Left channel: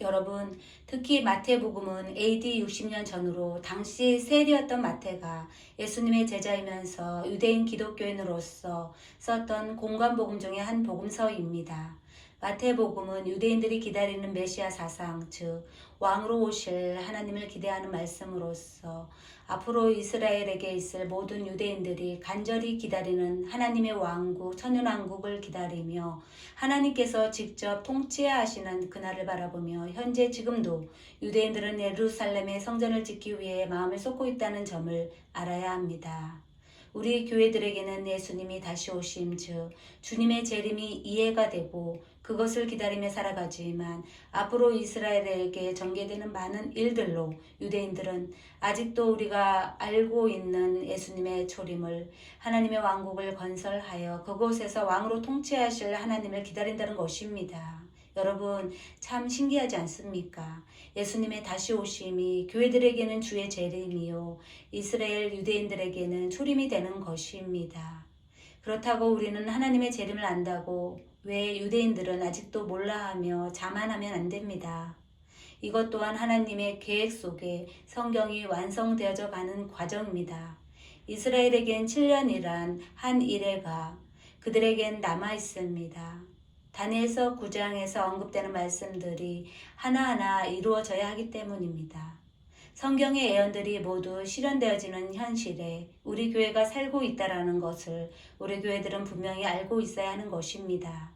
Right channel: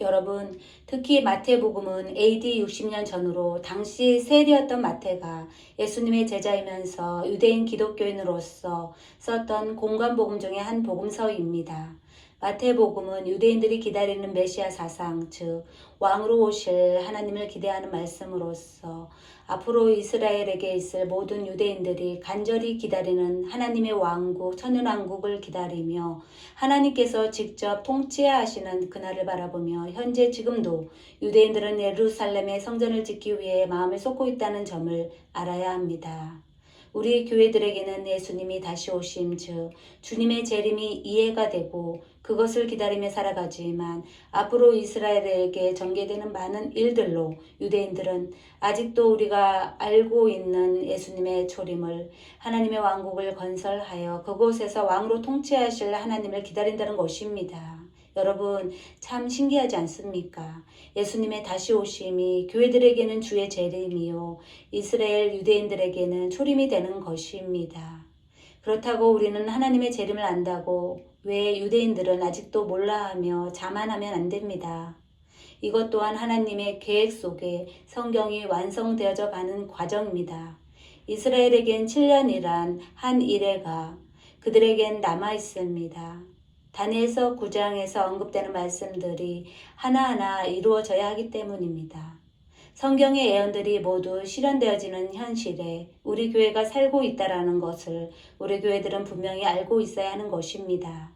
여러분, 특히 마태복음은 AD 60년 전으로 당시 세리였던 마태가 예수님의 제자이면서 유대인 기독교인으로서 썼던 공관복음 중의 한 복음서입니다. 마태복음은 유대인들이 기다리는 메시아 사상, 즉 왕으로 오실 하나님을 기대하는 말씀으로서 앞으로 이스라엘에게 있을 모든 유대인들이 간절히 기다리는 하나님의 왕국, 천연왕국을 기다리며 하나님께서 직접 통치하시는 그날을 바라보며 현재 지금도 유대인들은 예루살렘의 성전을 짓기 위해 마음을 쏟고 있다는 점을 알아야 합니다. 우리 교회들에게는 예수님이 다시 오심, 즉 주님의 재림이 이해가 되고 그것을 기다리며 살아가지만 앞으로 이스라엘에게 전개되는 많은 일들로 유대인들은 아직도 우리가 알고 있는 예수님의 초림을, 하나님의 왕국을 건설하여 그곳에서 왕으로 통치하실 하나님을 기다린다는 것입니다. 여러분, 참 신기하지 않습니까? 예수님의 다시 오심이 교회들에게는 주의 재림이요 이스라엘 유대인들에게는 초림이 되는 것입니다. 그렇다고 우리는 하나님의 재림을 안다고 왜 유대인들은 아직도 몰라하며 자만하면 안 됩니다. 이것 또한 하나님의 계획 속에 성경이 완성되어져 가는 과정입니다. 이스라엘에겐 7년이란 한 이래가 그들에겐 남아 있습니다. 다니엘서 9장에서 언급되는 말씀들이 하나하나 이루어져야 하기 때문입니다. 성경의 예언들이 모두 실현되어지는 현실에 우리 교회가 살고 있다는 것을 우리 교회들은 분명히 알고 있어야 하는 것입니다.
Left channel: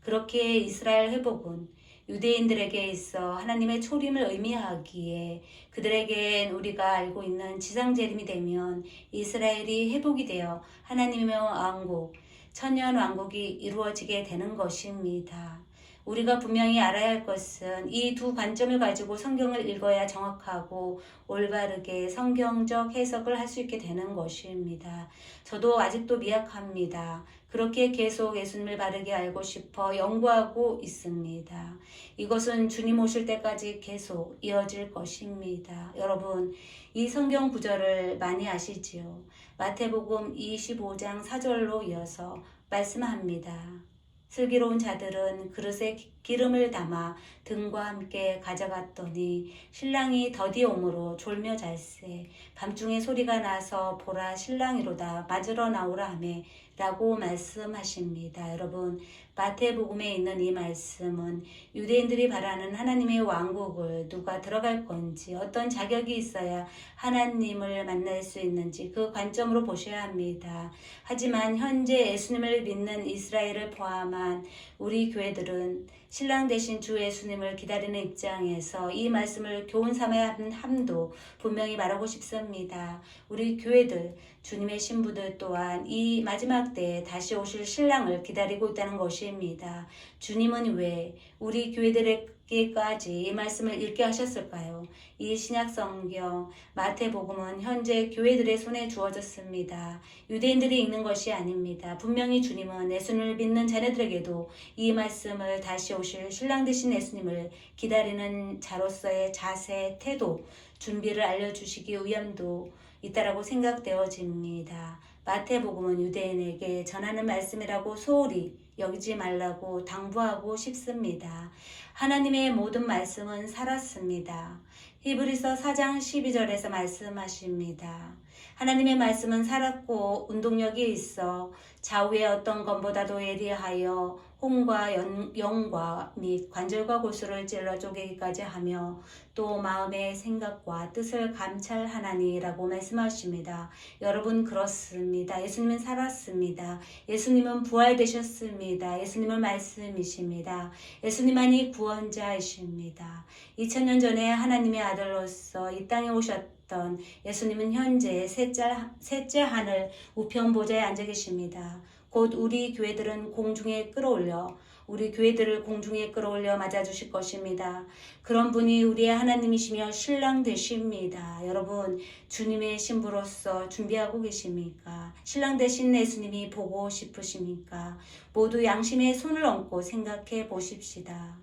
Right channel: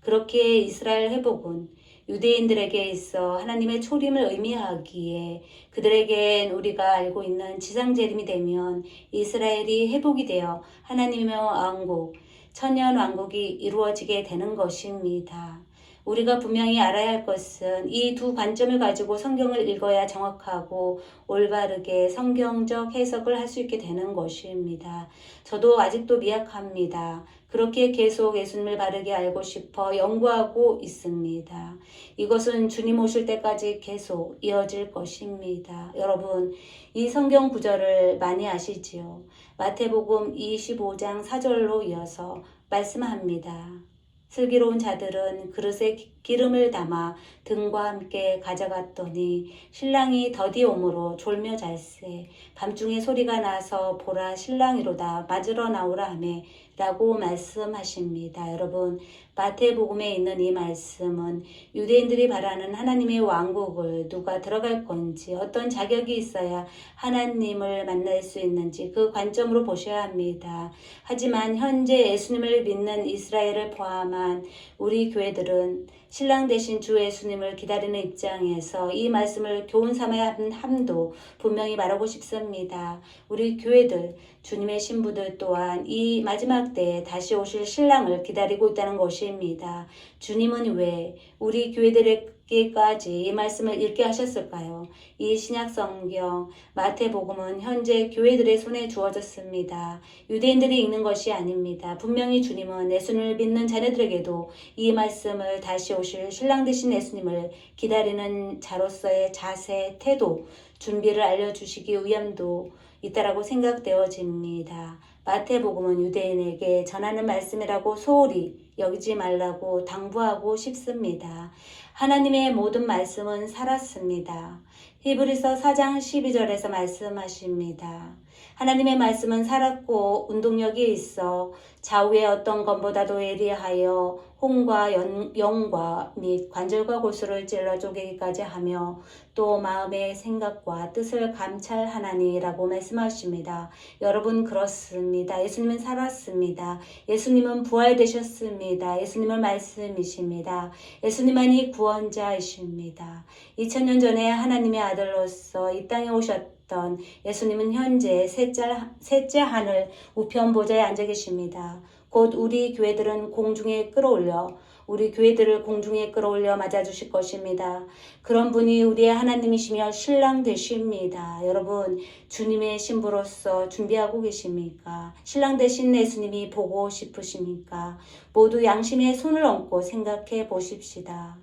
그렇게 이스라엘 회복은 유대인들에게 있어 하나님의 초림을 의미하기에 그들에겐 우리가 알고 있는 지상재림이 되면 이스라엘이 회복이 되어 하나님의 왕국, 천년 왕국이 이루어지게 되는 것입니다. 우리가 분명히 알아야 할 것은 이 두 관점을 가지고 성경을 읽어야 정확하고 올바르게 성경적 해석을 할 수 있게 되는 것입니다. 저도 아직도 미약합니다. 그렇게 계속 예수님을 바르게 알고 싶어 연구하고 있습니다. 이것은 주님 오실 때까지 계속 이어질 것입니다. 여러분, 이 성경 구절을 많이 아시지요? 마태복음 25장 4절로 이어서 말씀합니다. 슬기로운 자들은 그릇에 기름을 담아 등과 함께 가져갔더니 신랑이 더디 오므로 졸며 잘세 밤중에 소리가 나서 보라 신랑이로다 맞으러 나오라 하매 라고 말씀하십니다. 여러분, 마태복음에 있는 이 말씀은 유대인들이 바라는 하나님의 왕국을 누가 들어갈 건지, 어떤 자격이 있어야 하나님을 만날 수 있는지 그 관점으로 보셔야 합니다. 하지만 현재 예수님을 믿는 이스라엘을 포함한 우리 교회들은 신랑 되신 주 예수님을 기다리는 입장에서 이 말씀을 교훈 삼아야 함도 분명히 말하고 싶습니다. 우리 교회들, 주님의 신부들 또한 이 마지막 때에 다시 오실 신랑을 기다리고 있다는 것입니다. 주님은 왜 우리 교회들에게까지 이 말씀을 읽게 하셨을까요? 이 신약 성경 마태복음은 현재 교회들의 손에 주어졌습니다. 유대인들이 읽는 것이 아닙니다. 분명히 주님은 예수님을 믿는 자녀들에게도 이 말씀을 다시 오실 신랑 되신 예수님을 기다리는 자로서의 자세, 태도, 준비를 알려주시기 위함도 있다라고 생각되어집니다. 마태복음은 유대인에게 전하는 말씀이라고 소홀히 여기지 말라고 당부하고 싶습니다. 하나님의 모든 말씀은 살았습니다. 히브리서 4장 12절에서 말씀하십니다. 하나님의 말씀은 살았고 운동력이 있어 좌우의 어떤 것보다도 예리하여 혼과 영과 및 관절과 골수를 찔러 쪼개기까지 하며 또 마음의 생각과 뜻을 감찰하나니라고 말씀하십니다. 여러분, 그렇습니다. 예수님은 살았습니다. 예수님은 부활되셨습니다. 예수님은 말씀이십니다. 예수님만이 구원자이십니다. 2000년 전에 하나님의 아들로서 이 땅에 오셨던 예수님은 현재 셋째 하늘 우편 보좌에 앉아 계십니다. 곧 우리 교회들은 공중에 끌어올려 우리 교회들을 공중에 끌어올려 맞아주실 것입니다. 그런 분이 우리의 하나님이시며 신랑 되십니다. 여러분, 주님의 신부로서 준비하고 계십니까? 신랑 되신 예수님이 보고 싶으십니까? 모두 양심의 손을 얹고 생각해 보십시다.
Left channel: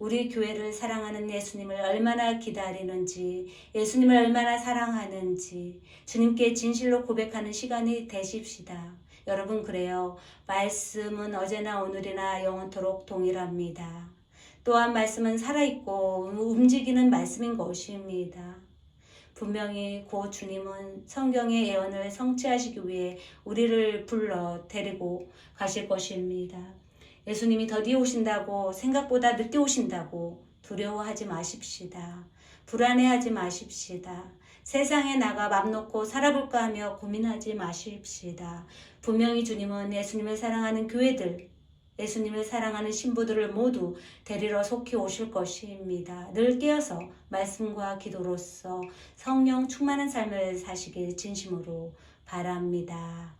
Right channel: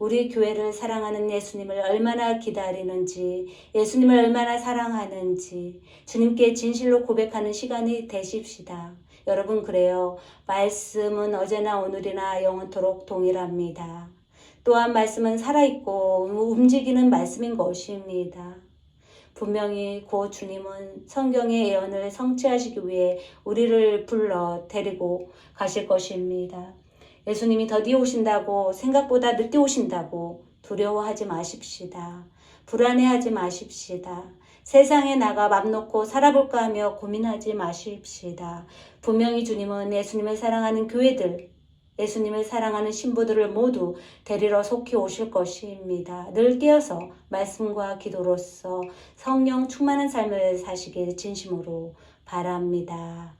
우리 교회를 사랑하는 예수님을 얼마나 기다리는지, 예수님을 얼마나 사랑하는지 주님께 진실로 고백하는 시간이 되십시다. 여러분, 그래요. 말씀은 어제나 오늘이나 영원토록 동일합니다. 또한 말씀은 살아있고 움직이는 말씀인 것입니다. 분명히 곧 주님은 성경의 예언을 성취하시기 위해 우리를 불러 데리고 가실 것입니다. 예수님이 더디 오신다고, 생각보다 늦게 오신다고 두려워하지 마십시다. 불안해하지 마십시다. 세상에 나가 맘 놓고 살아볼까 하며 고민하지 마십시다. 분명히 주님은 예수님을 사랑하는 교회들, 예수님을 사랑하는 신부들을 모두 데리러 속히 오실 것입니다. 늘 깨어서 말씀과 기도로서 성령 충만한 삶을 사시길 진심으로 바랍니다.